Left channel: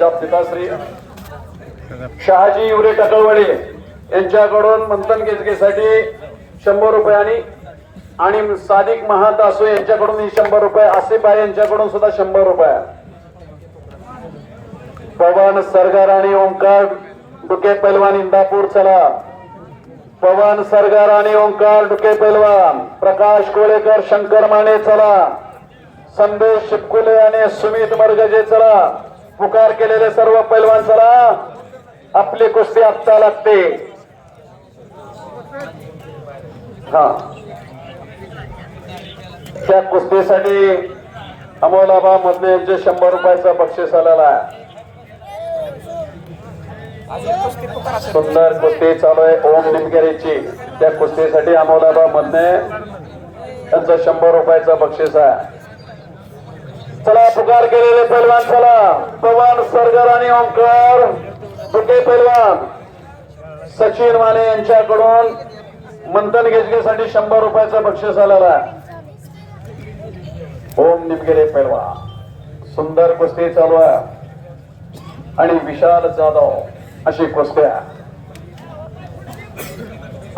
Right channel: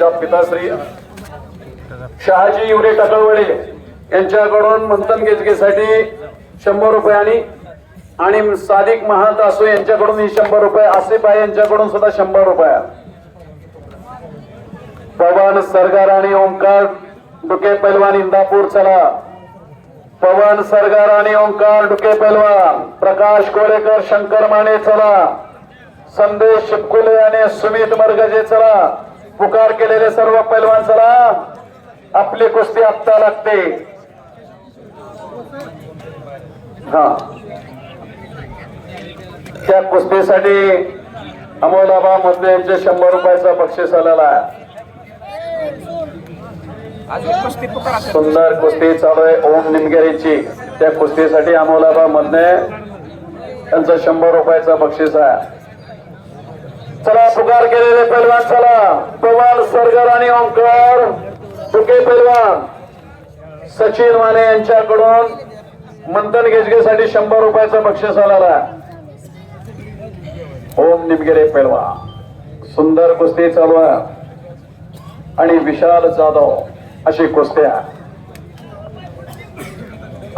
त्यांच्या पिताश्री शहाजी युरे टकणवडे यांच्याकडून मंथन गेजगेसाठी शंभर रुपये आणि आणि सादिक महादासो यांच्याकडून ही शंभर रुपये आसिफ आहे यांच्याकडून सुद्धा शंभर रुपये. पवन सरगार आणि ओंकार डुके पैलवान इंदापूर चला. पवन सरगार आणि ओंकार डुके पैलवान प्रकाश कोळेकर शंकर माने चला. संदेश शिपकुले आणि सुमित मरगजे चला. पुकार केलेले सर्व पैलवान चला आपली कुस्ती आत्ता लागते. हा. त्या कुस्तीसाठी अमोलाबा मधले यांचे शंभर रुपयाचं बक्षीस आलेला आहे. सुंदर कुस्ती चालू आहे. ओम निमगेरीची. त्या कुस्तीसाठी अमोलाबा मधने त्यांचं शंभर रुपयाचं बक्षीस आहे. चला पुकार केलेले पैलवान चला. पवार सरगर आणि ओंकार. तुके पैलवान सचिन माने यांच्याकडून मंथन गेजगेसाठी शंभर रुपयाचा बक्षीस आलेला ओम निमगिरे पेलवा सुंदर कुस्ती चालू आणि विशाल जाधव अशी कुस्त्या.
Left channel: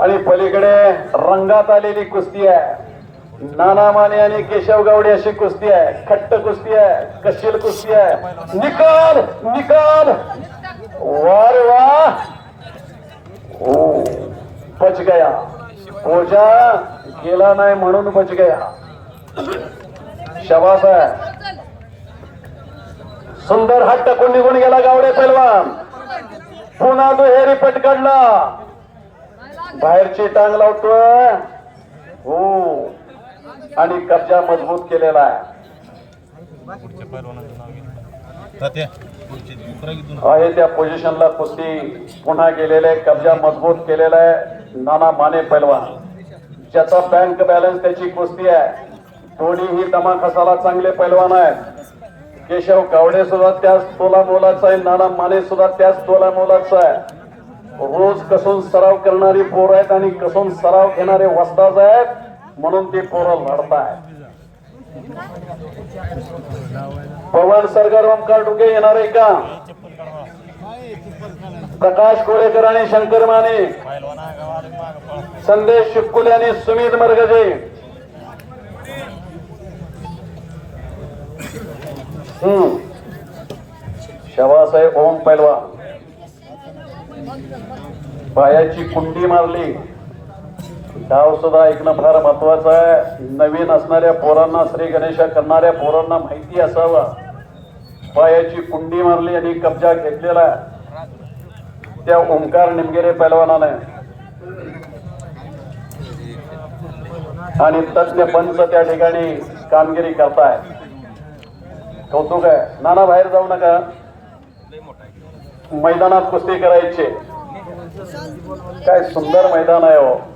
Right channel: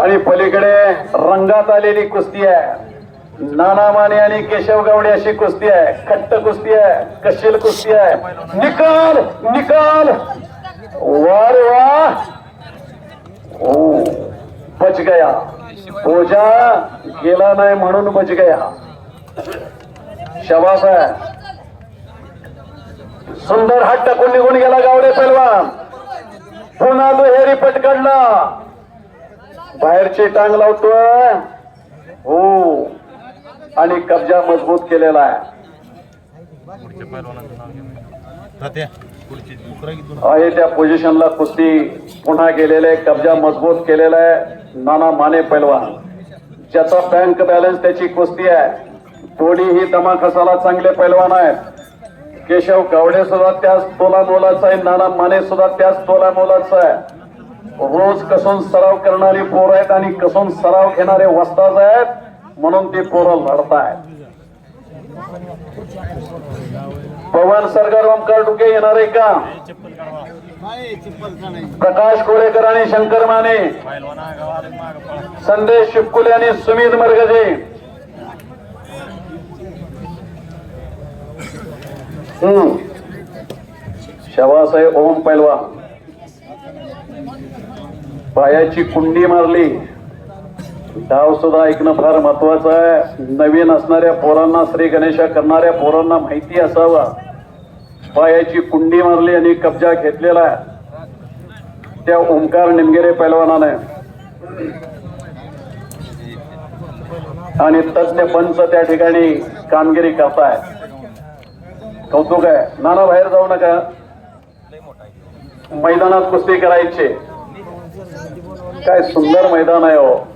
आणि पलीकडे रंगात आलेली कुस्ती आहे. नाना माने आणि केशव गावडे अशी कुस्ती आहे. खट्ट कुस्ती आहे कशील कुस्ती आहे. निकाल निकाल. वार वा ओ बच गया. ओझा गेला नाही म्हणून बच गया. शबास आहे. सुंदर हात टाकून निघून गेला गावडे पैलवान पुन्हा दुहेरी पटकडला. बाहेरची टांग लावतोय. हो आणि कब्जा मजबूत केलेला आहे. त्या पोझिशनला कुस्ती पुन्हा गेलेले आहे, कब्जा मजबूत केलेला आहे नाना माने पैलवान. ज्याचा बँक बॅलन्स त्याची कुस्ती आहे. दोन्हीही दमाकसाला चांगले पैलवान आहेत. केशव गावडे सुद्धा त्याच तोला मोलाचा आहे नाना माने सुद्धा त्याच तोला मोलाचा आहे. रोज कसून सराव करणारी पोरं आहेत आणि कसून सराव घेणारे वस्ताज आहेत. म्हणून ते पोरं लढतायत. पवन सरकार ओंकार डुके येणार आहे का? प्रकाश कोळेकर आणि शंकर माने. संदेश शिपकुले आणि सुमित मरगजे. हम्म. शवासाहेब ओम पैलवा पायाची कुंडी मारली. डाव सुद्धा ऐकणं फार महत्वाचं आहे. नवीन असणाऱ्या पोरांना श्री गणेशा करणाऱ्या पोरांना माहिती असावा. पायाची कुंडी मारली आणि कब्जा घेतलेला आहे. त्या ओंकार निमगेरे पैलवानाने. आणि तज्ञ पंच त्या ठिकाणी कामगिरी करताय. कौतुक आहे. नाना बाहेर जाऊ नका. मैदानात कुस्ती करायची. काय सुंदर मैदान आहे हो.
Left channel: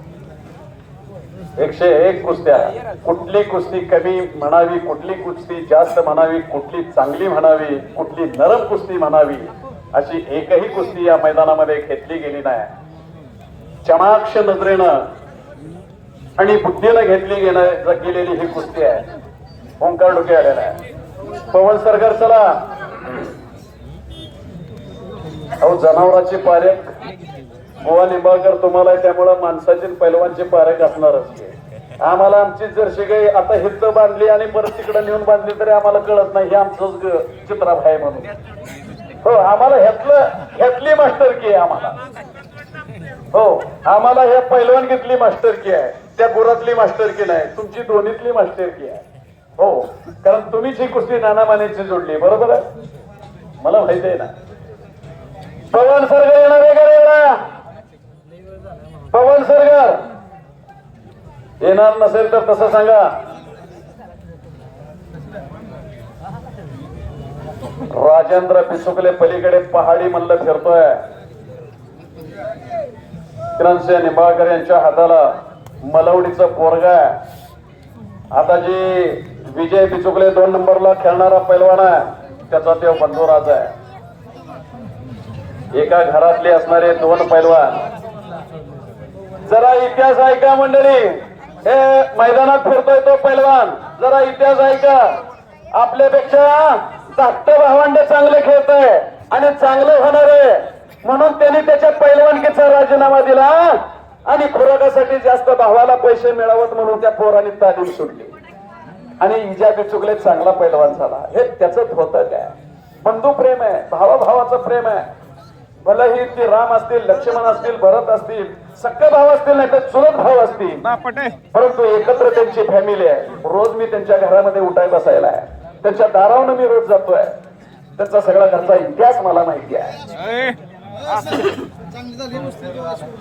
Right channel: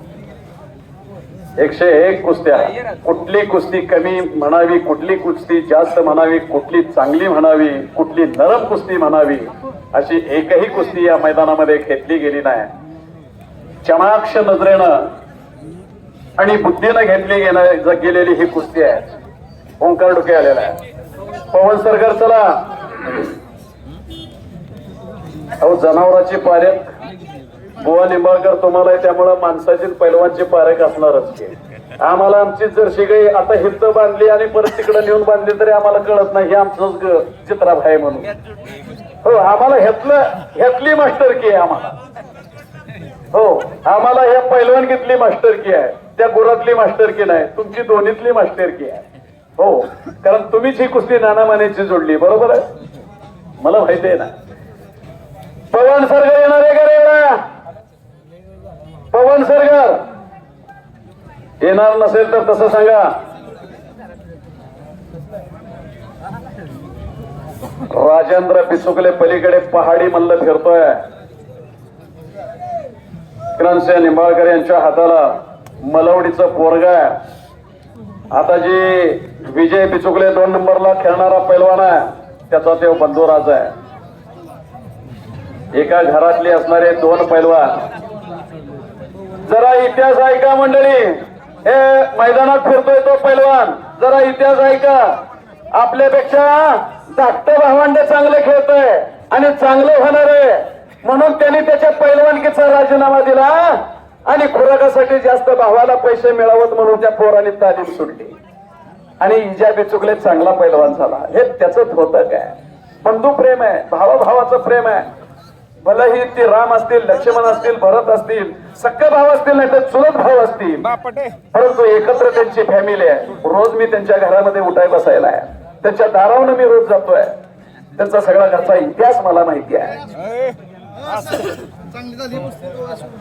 एकशे एक कुस्त्या. कुठली कुस्ती कमी म्हणावी कुठली कुस्ती जास्त म्हणावी कुठली चांगली म्हणावी कुठली नरम कुस्ती म्हणावी अशी एकही कुस्ती या मैदानामध्ये घेतली गेली नाही. चमाक्ष नजरेनं आणि बुद्धीनं घेतली गेलं गेलेली ही कुस्ती आहे. ओंकार डोके आलेला आहे. पवन सरगर चला. अहो जनावराची पारे. बुवा लिंबाळकर तुम्हाला त्यामुळं माणसाची पैलवानची पारख असणारच आम्हाला आमची जर्शी गाई आता हित बांधली आणि परत तिकडे नेऊन बांधली तरी आम्हाला कळत नाही हे आमचंच ग- चित्राभ आहे म्हणून. हो आम्हाला ह्यातलं ह्यातली मास्टर की आहे आम्हाला. हो आम्हाला हे पैलवानगीतली मास्टर की आहे त्या गुरातली मास्टर की नाही तुमची दोन्हीतली मास्टर की आहे. हो कारण तुम्हीच ही कुस्ती नाना मानेची जोडली बरोबर? आहे मला माहिती आहे ना. पवन सरगर येणार आहे का रे? पवन सरकार. येणार नसेल तर तसं सांगा. राजेंद्र पिसुकले पलीकडे पहाडी म्हणलं फिरतोय. विक्रमसिंह निंबाळकर यांच्या हाताला मलवडीचं पोरगा आहे. आता जी विजय पिचुकले दोन नंबरला खेळणारा पैलवान आहे त्याचा ते बंधुराज आहे. एका घरातले असणारे दोन पैलवान जरा इतिहास ऐका मंडळी. हे मैदानात फिरतोय तो पैलवान. जरा इतिहास ऐका. आपल्यापेक्षा धाकटे भावंड चांगले खेळतोय आणि चांगलं होणार आहे. म्हणून त्यांनी त्याच्या पैलवानकीचा राजीनामा दिला आणि खुराकासाठी जास्त भावाला पैसे मिळावत म्हणून त्या पोराने तालीम सुटली. आणि इजा बिचुकले चांगला पैलवान झाला. हे त्याच होतं काय? बंधू प्रेम आहे भावाभावाचं प्रेम आहे. भलेही ते राम असतील लक्ष्मण असतील भरत असतील सख्खे भाव असतील नाही तर चुलत भाव असतील. परंतु एकत्र त्यांची फॅमिली आहे. रोज मी त्यांच्या घरामध्ये उठाय बसायला आहे. त्यांच्या दारावर मी रोज जातोय. त्यांचा सगळा घरचा इतिहास मला माहिती आहे.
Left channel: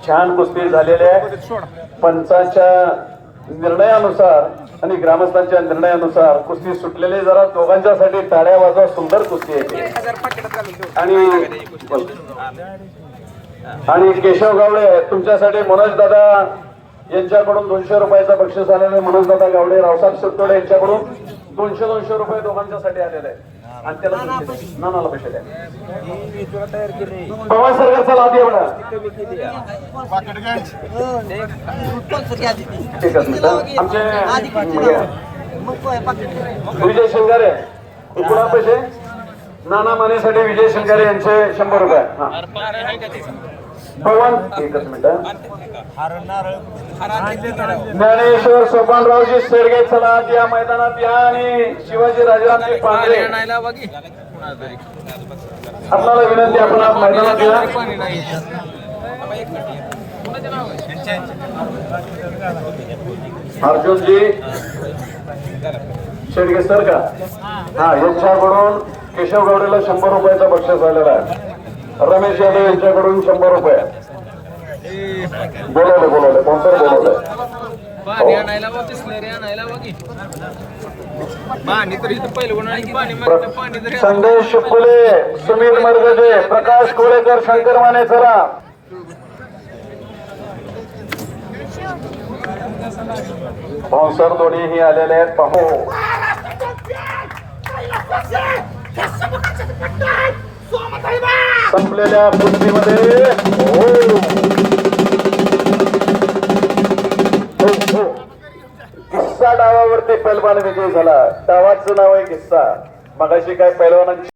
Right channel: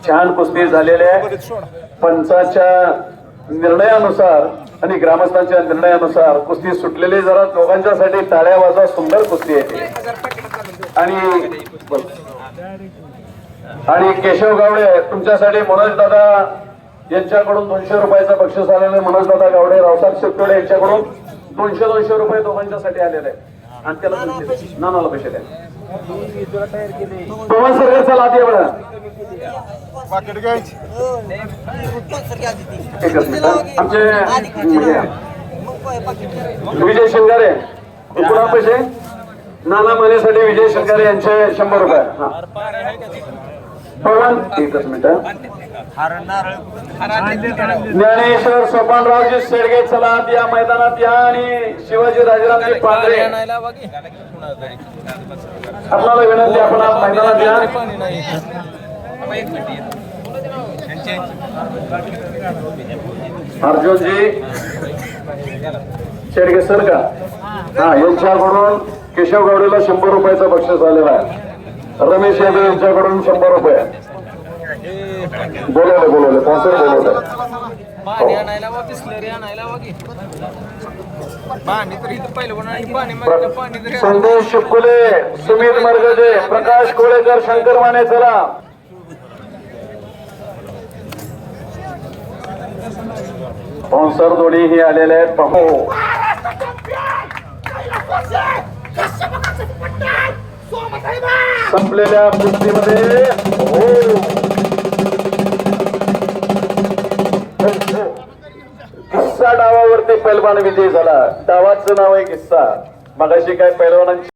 छान कुस्ती झालेली आहे. पंचाच्या निर्णयानुसार आणि ग्रामस्थांच्या निर्णयानुसार कुस्ती सुटलेली जरा दोघांच्यासाठी टाळ्या वाजवा सुंदर कुस्ती येते आणि आणि केशव गावडे तुमच्यासाठी मनोज दादा यांच्याकडून दोनशे रुपयाचं बक्षीस आलेलं आहे. मनोज दादा गावडे रावसाहेब शेतकरी यांच्याकडून दोनशे दोनशे रुपये दोघांच्यासाठी आलेले आहे आणि त्याला दोनशे. नानाला पैसे द्या सरकारचा पाकिट घ्यायची एकच मिनिट. आमचे विजय शंगारे तुला पैसे नाना मानेसाठी विजय शंगारे यांचे शंभर रुपये हा. पवन एकच मिनिट ज्ञानेश्वर सोपानरावजी शेडगे चला या मैदानात या आणि शिवाजी राजे पांढरे आपल्याला विनंती आपण मैदानात या. अर्जुनजी शेडगे सर का? हा यांच्याकडून केशव गावडेला शंभर रुपयाचा बक्षीस आलेला आहे. रमेश यादव यांच्याकडून शंभर रुपये. बोलवलं बोलवलं. पासर बोलवलं. पाणी आणायला वा बिस्लरी आणायला वा की? पाणी तर इथं पहिलं उन्हाळ्यात पाणी मागतं पाणी तरी संदेश शिपकुले सुमित मर्गजे प्रकाश कोळेकर शंकर माने चला. स्पॉन्सर जोडी ही आलेले आहेत पाहू संपलेल्या कुस्तीमध्ये हो. हो, हो. पैलवान विजय झाला. डावाचं नाव आहे किस्सा. मगाशी काय पैलवानांची